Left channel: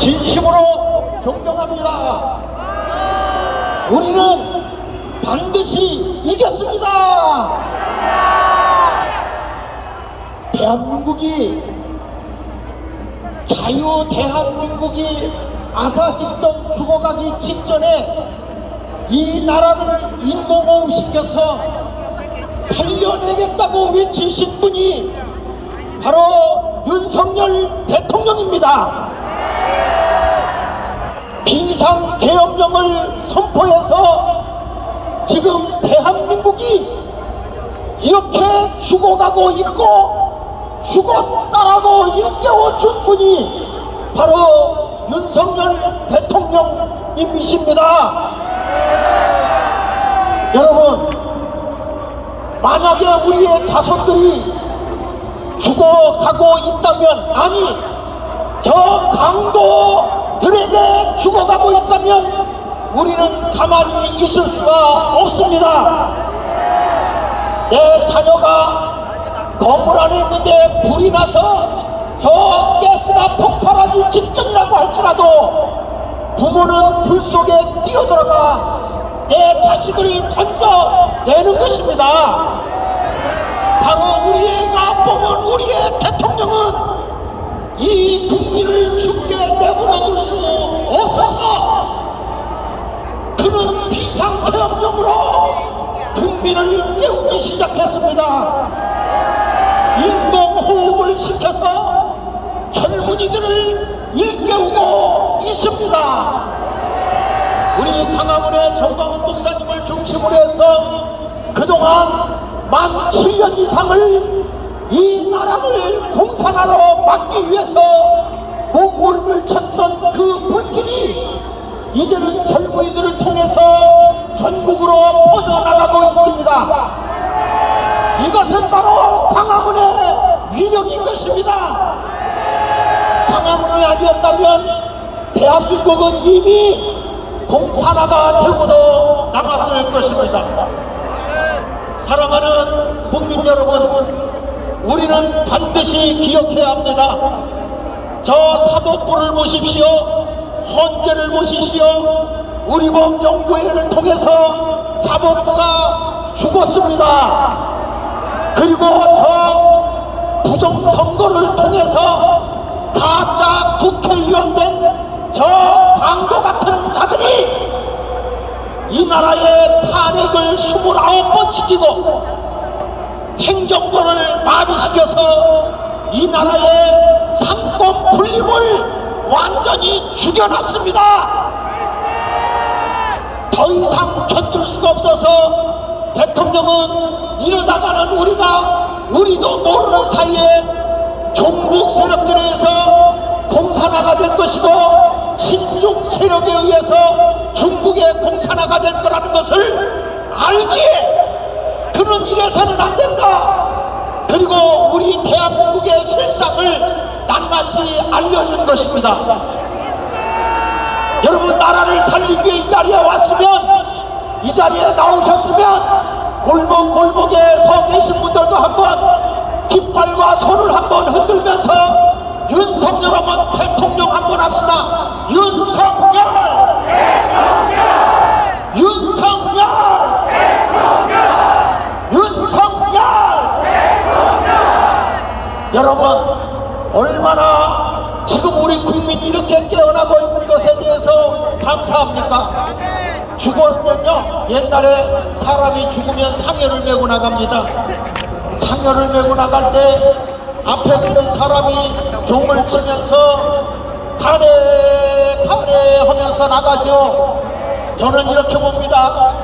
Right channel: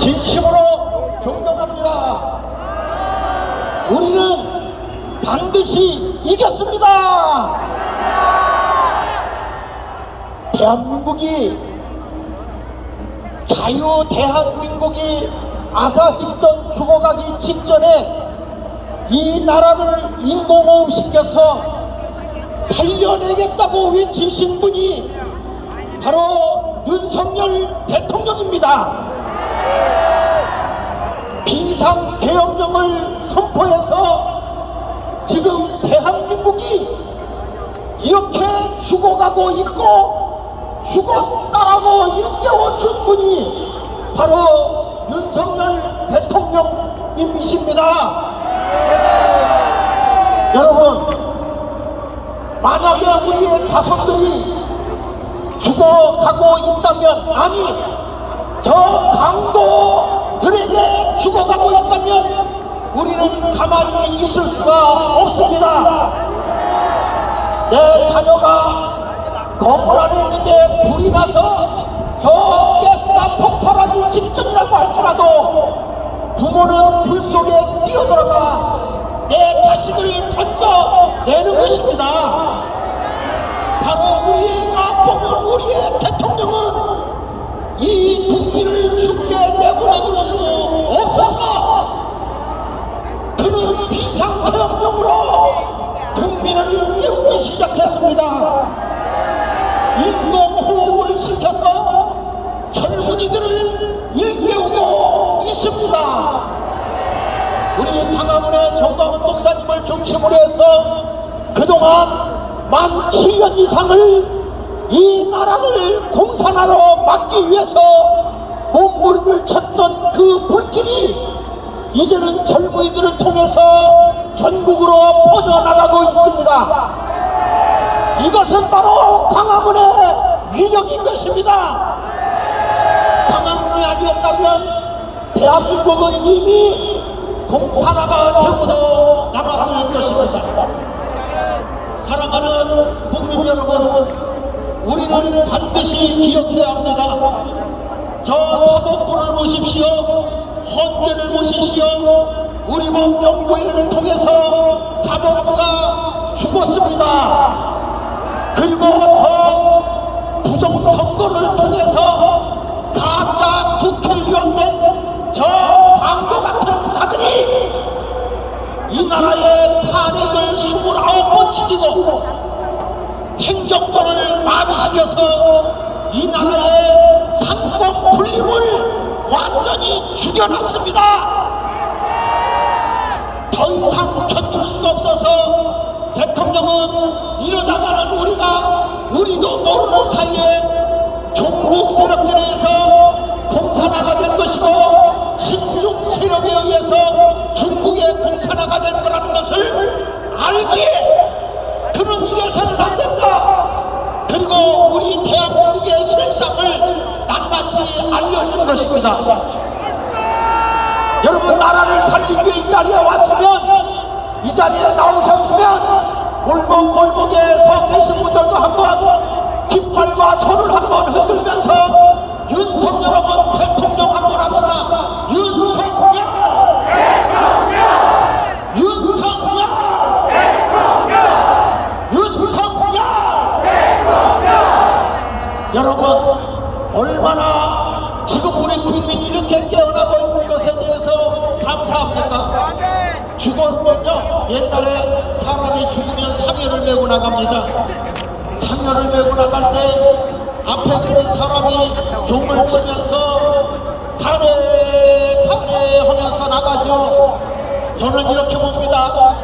진심으로 존경합니다. 우리는 반드시 이겼습니다. 대한민국이 자유 대한민국이 아사직전 죽어가기 직전에 이 나라를 인공호흡시켜서 살려내겠다고 외치신 분이 바로 윤석열 대통령입니다. 비상계엄령을 선포해서 지금 대한민국이 이렇게 죽어가고 있고 죽었다라고 일깨워준 분이 바로 윤석열 대통령님이십니다. 여러분, 만약에 우리의 자손들이 죽어가고 있다면, 아니, 저 강도 들에게 죽어가고 있다면, 우리는 가만히 있을 수가 없습니다. 내 자녀가 건물 안에 있는데 불이 나서 저 가스가 폭발하기 직전이라고 할지라도 부모는 불 속에 뛰어들어가 내 자식을 던져내는 것입니다. 바로 우리가 뽑은 우리의 대통령은 이 국민을 죽게 내버려둘 수 없어서 그는 비상계엄령으로 국민을 깨우기 시작했습니다. 인공호흡을 시켜서 젊은이들을 일깨우고 있습니다. 우리 강화문의 정광훈 목사님을 중심으로 해서 그동안 만 7년 이상을 이 나라를 공산화로 막기 위해서 몸부림을 쳤던 그 불길이 이제는 젊은이들을 통해서 전국으로 퍼져나가고 있습니다. 이것은 바로 광화문의 위력인 것입니다. 광화문이 아니었다면 대한민국은 이미 공산화가 되고도 남았을 것입니다. 사랑하는 국민 여러분, 우리는 반드시 기억해야 합니다. 저 사법부를 보십시오. 헌재를 보십시오. 우리 법 명부회를 통해서 사법부가 죽었습니다. 그리고 저 부정선거를 통해서 가짜 국회의원 된 저 광도 같은 자들이 이 나라의 탄핵을 29번 시키고 행정부를 마비시켜서 이 나라의 상권 분립을 완전히 죽여놨습니다. 더 이상 견딜 수가 없어서 대통령은 이러다가는 우리가 우리도 모르는 사이에 종북 세력들에 의해서 공산화가 될 것이고 신중 세력에 의해서 중국의 공산화가 될 거라는 것을 알기에 그는 이래서는 안 된다. 그리고 우리 대한민국의 실상을 낱낱이 알려준 것입니다. 여러분 나라를 살리기 위해 이 자리에 왔으면 이 자리에 나오셨으면 골목 골목에 서 계신 분들도 한번 깃발과 손을 한번 흔들면서 윤석열 한번 대통령 한번 합시다 윤석열 윤석열 윤석열 여러분 얼마나 지금 우리 국민이 이렇게 깨어나고 있는 것에 대해서 감사합니까? 죽으면요 옛날에 사람이 죽으면 상여를 메고 나갑니다. 상여를 메고 나갈 때 앞에 있는 사람이 종을 치면서 가래 가래 하면서 나가죠. 저는 이렇게 봅니다.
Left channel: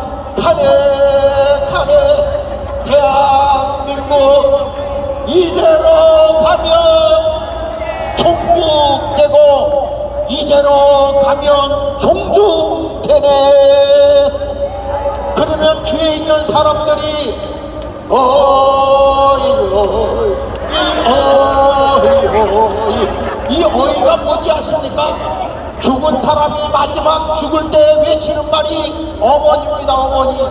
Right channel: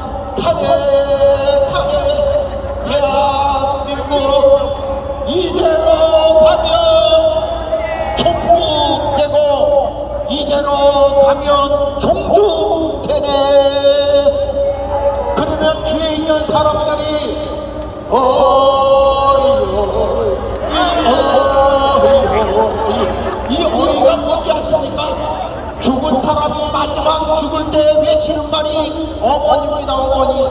가래 가래 대한민국 이대로 가면 종북되고 이대로 가면 종중되네. 그러면 뒤에 있는 사람들이 어이 어이 어이. 어이 이 어이가 뭔지 아십니까? 죽은 사람이 마지막 죽을 때 외치는 말이 어머니입니다 어머니.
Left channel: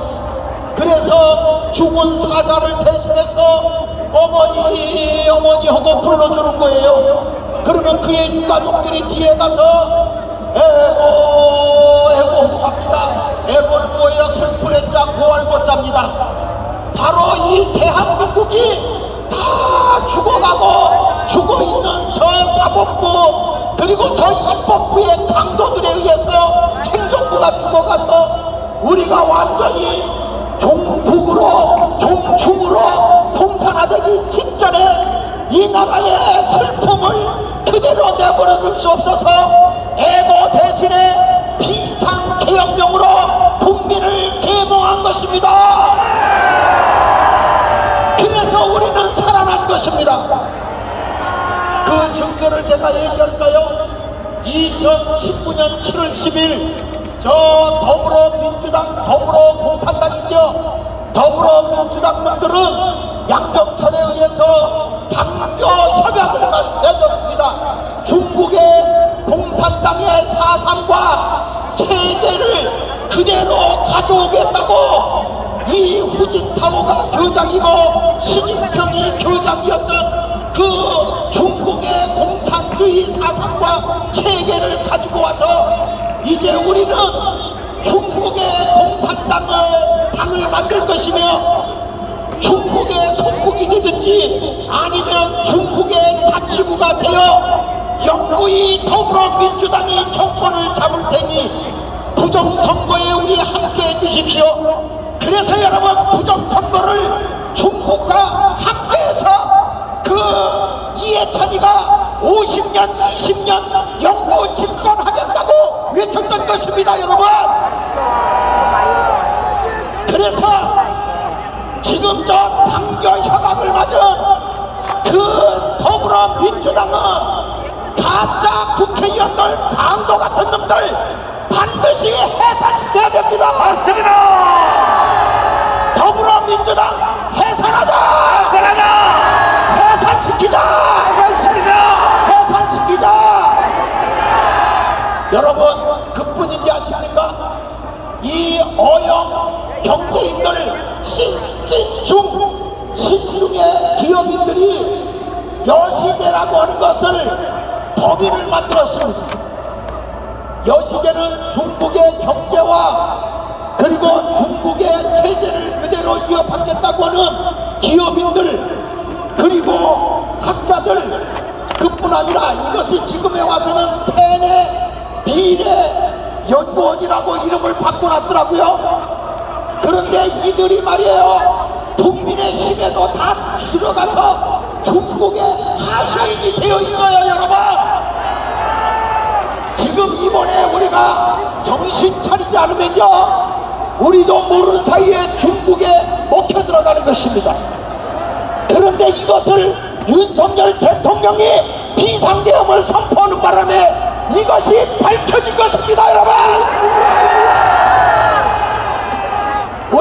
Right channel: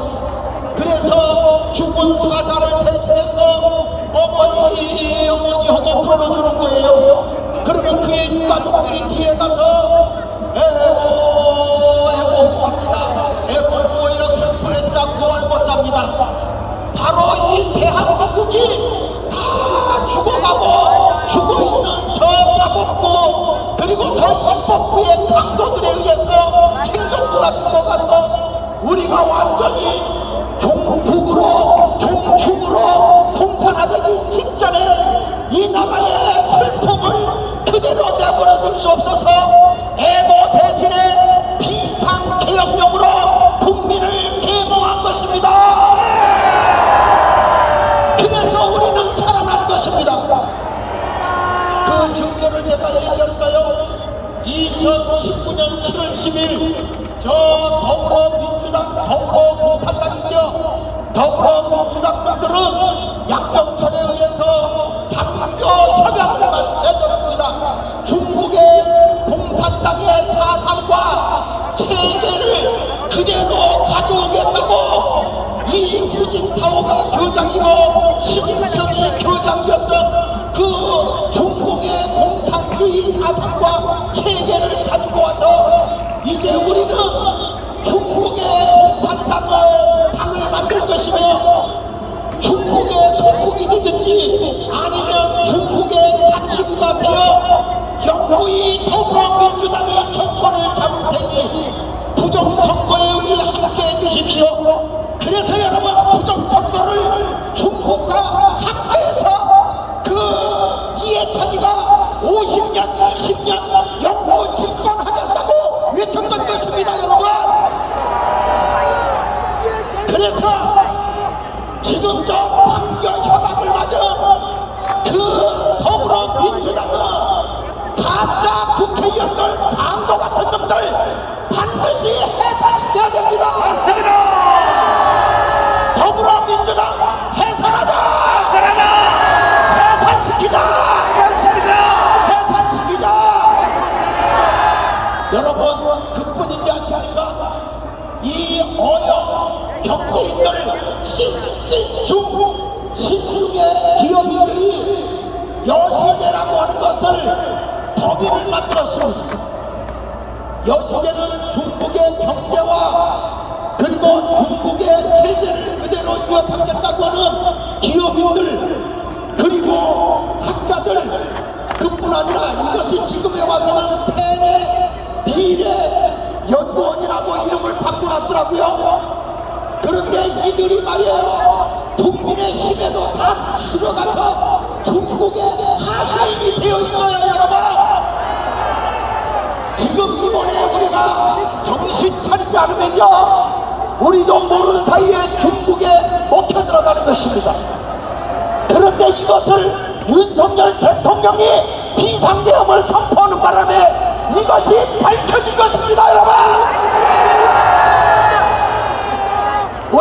그래서 죽은 사자를 대신해서 어머니 어머니 하고 불러주는 거예요. 그러면 뒤에 유가족들이 뒤에 가서 에고 에고 합니다. 에고는 뭐예요 슬픈의 자 고할못 잡니다. 바로 이 대한민국이 다 죽어가고 죽어있는 저 사법부 그리고 저 입법부의 강도들에 의해서 행정부가 죽어가서 우리가 완전히 공산화되기 직전에 이 나라의 슬픔을 그대로 내버려 둘 수 없어서 애고 대신에 비상계엄령으로 국민을 계몽한 것입니다. 그래서 우리는 살아난 것입니다. 그 증거를 제가 얘기할까요? 2019년 7월 10일 저 더불어민주당 더불어공산당이죠. 더불어민주당 분들은 양병철에 의해서 당교 협약을 맺었습니다. 중국의 공산당의 사상과 체제를 그대로 가져오겠다고 이 후진타오가 교장이고 시진평이 교장이었던 그 중국의 공산주의 사상과 체계를 가지고 와서 이제 우리는 중국의 공산당을 당을 만들 것이며 중국의 속국이 되든지 아니면 중국의 자치구가 되어 영구히 더불어민주당이 정권을 잡을 테니 부정선거에 우리 함께 해주십시오. 그래서 여러분 부정선거를 중국과 함께해서 그 이해찬이가 50년, 20년 영구 집권하겠다고 외쳤던 것입니다, 여러분. 그래서 지금 저 당교 협약을 맞은 그 더불어민주당은 가짜 국회의원들 강도 같은 놈들 반드시 해산시켜야 됩니다. 맞습니다. 더불어민주당 해산하자. 해산하자. 해산시키자. 해산시키자. 해산시키자. 여러분 그뿐인지 아십니까? 이 어영 경제인들 찐중 신중의 기업인들이 여시계라고 하는 것을 법인을 만들었습니다. 여시계는 중국의 경제와 그리고 중국의 체제를 그대로 이어받겠다고 하는 기업인들 그리고 학자들 그뿐 아니라 이것이 지금에 와서는 펜의 비례 연구원이라고 이름을 바꿔놨더라고요. 그런데 이들이 말이에요. 국민의 힘에도 다 들어가서 중국의 하수인이 되어 있어요, 여러분. 지금 이번에 우리가 정신 차리지 않으면요. 우리도 모르는 사이에 중국에 먹혀 들어가는 것입니다. 그런데 이것을 윤석열 대통령이 비상계엄을 선포하는 바람에 이것이 밝혀진 것입니다, 여러분.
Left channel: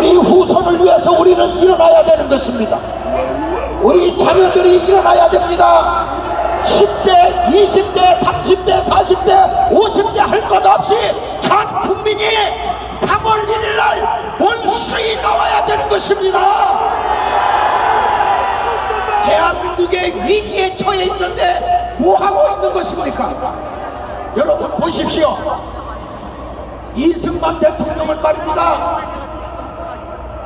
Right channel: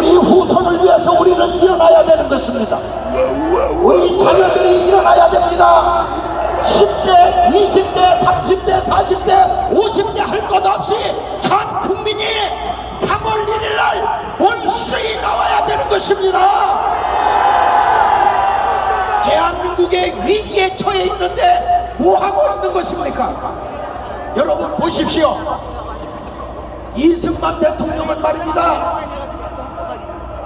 우리 후손을 위해서 우리는 일어나야 되는 것입니다. 우리 자녀들이 일어나야 됩니다. 10대, 20대, 30대, 40대, 50대 할 것 없이 전 국민이 3월 1일 날 본수에 나와야 되는 것입니다. 대한민국의 위기에 처해 있는데 뭐 하고 있는 것입니까? 여러분 보십시오. 이승만 대통령은 말입니다.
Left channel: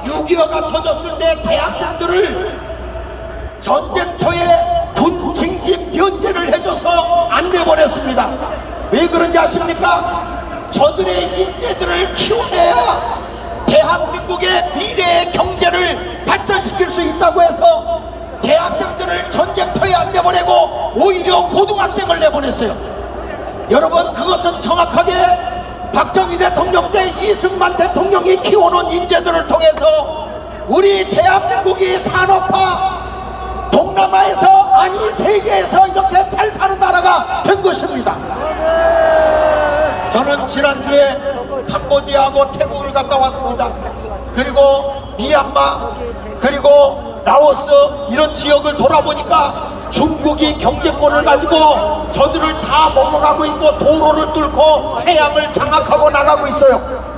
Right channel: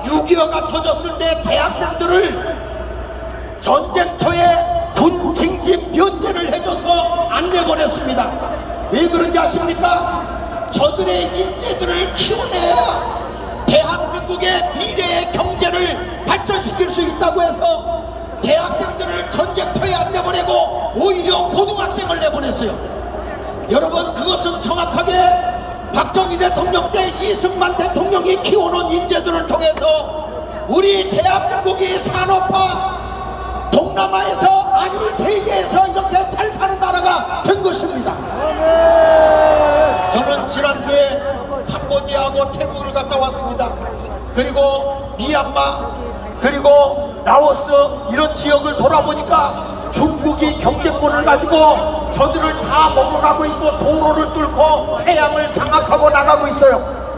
6.25가 터졌을 때 대학생들을 전쟁터에 군 징집 면제를 해줘서 안 내보냈습니다. 왜 그런지 아십니까? 저들의 인재들을 키워내야 대한민국의 미래의 경제를 발전시킬 수 있다고 해서 대학생들을 전쟁터에 안 내보내고 오히려 고등학생을 내보냈어요. 여러분 그것은 정확하게 박정희 대통령 때 이승만 대통령이 키워놓은 인재들을 통해서 우리 대한민국이 산업화 동남아에서 아니 세계에서 이렇게 잘 사는 나라가 된 것입니다. 저는 지난주에 캄보디아하고 태국을 갔다 왔습니다. 그리고 미얀마 그리고 라오스 이런 지역을 돌아보니까 중국이 경제권을 가지고 저들을 다 먹어가고 있고 도로를 뚫고 해양을 장악하고 나가고 있어요.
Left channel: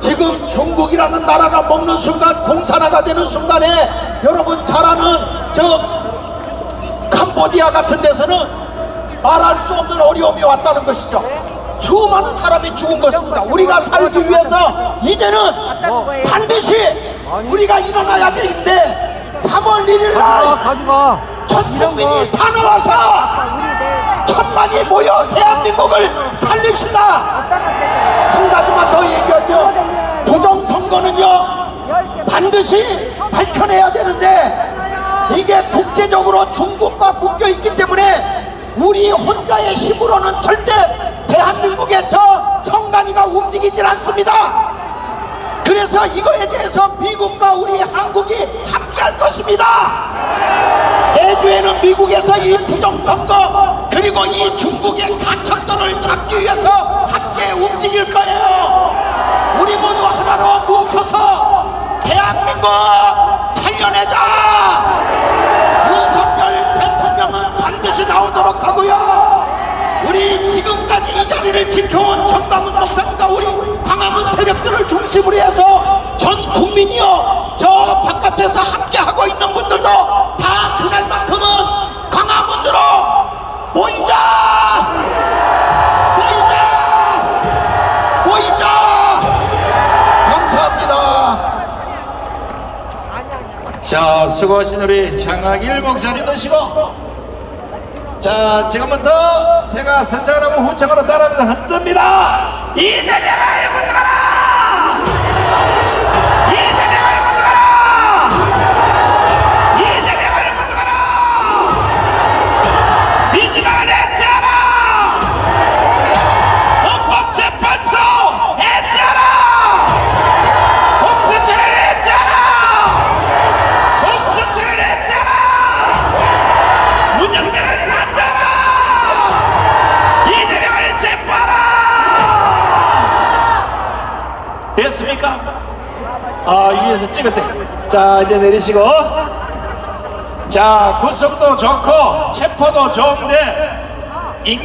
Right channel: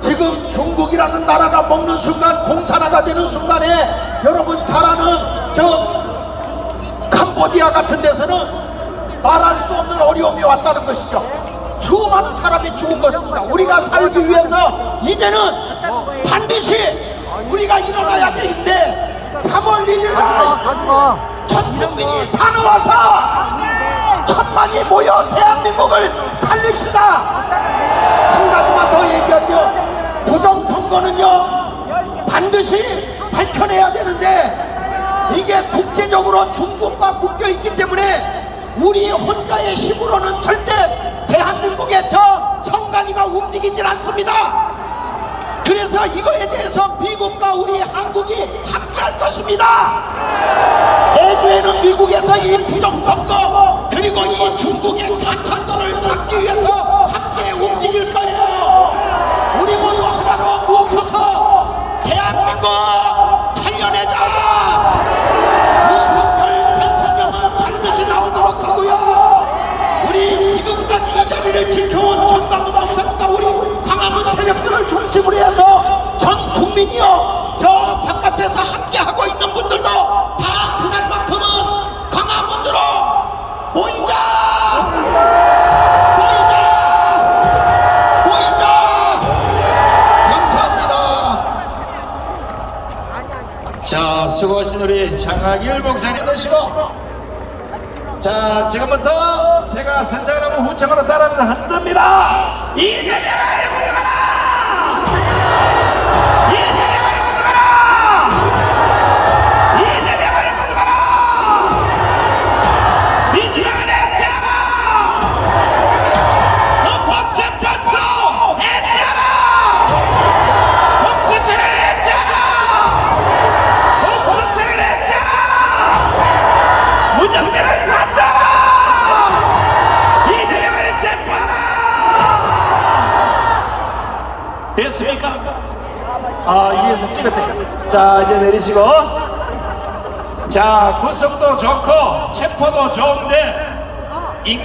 지금 중국이라는 나라가 먹는 순간 공산화가 되는 순간에 여러분 잘 아는 저 캄보디아 같은 데서는 말할 수 없는 어려움이 왔다는 것이죠. 수많은 사람이 죽은 것입니다. 우리가 살기 위해서 이제는 반드시 우리가 일어나야 되는데 3월 1일 날 전 국민이 사랑하셔 천만이 모여 대한민국을 살립시다. 한 가지만 더 얘기하죠. 부정선거는요 반드시 밝혀내야 되는데 이게 국제적으로 중국과 묶여 있기 때문에 우리 혼자의 힘으로는 절대 대한민국의 저 성간이가 움직이질 않습니다. 그래서 이거에 대해서 미국과 우리 한국이 함께할 것입니다. 내주에는 미국에서 이 부정선거 그리고 이 중국의 간첩들을 잡기 위해서 함께 움직일 거예요. 우리 모두 하나로 뭉쳐서 대한민국 살려내자. 윤석열 대통령은 반드시 나오도록 하고요. 우리 지금까지 이 자리를 지켜온 정광훈 목사님과 우리 광화문 세력들을 중심으로 해서 전 국민이요 저 바깥에서 함께 하고 있는 분들도 다 그날만큼은 광화문으로 모이자 모이자 모이자 감사합니다. 자, 수고하신 우리 장학일 목사님 되시고 자, 지금부터 제가 선창을 하고 후창으로 따라하면 흔듭니다. 이재명을 구성하라! 찍었대. 자, 이제 내리시고. 자, 구속도 좋고, 체포도 좋은데, 익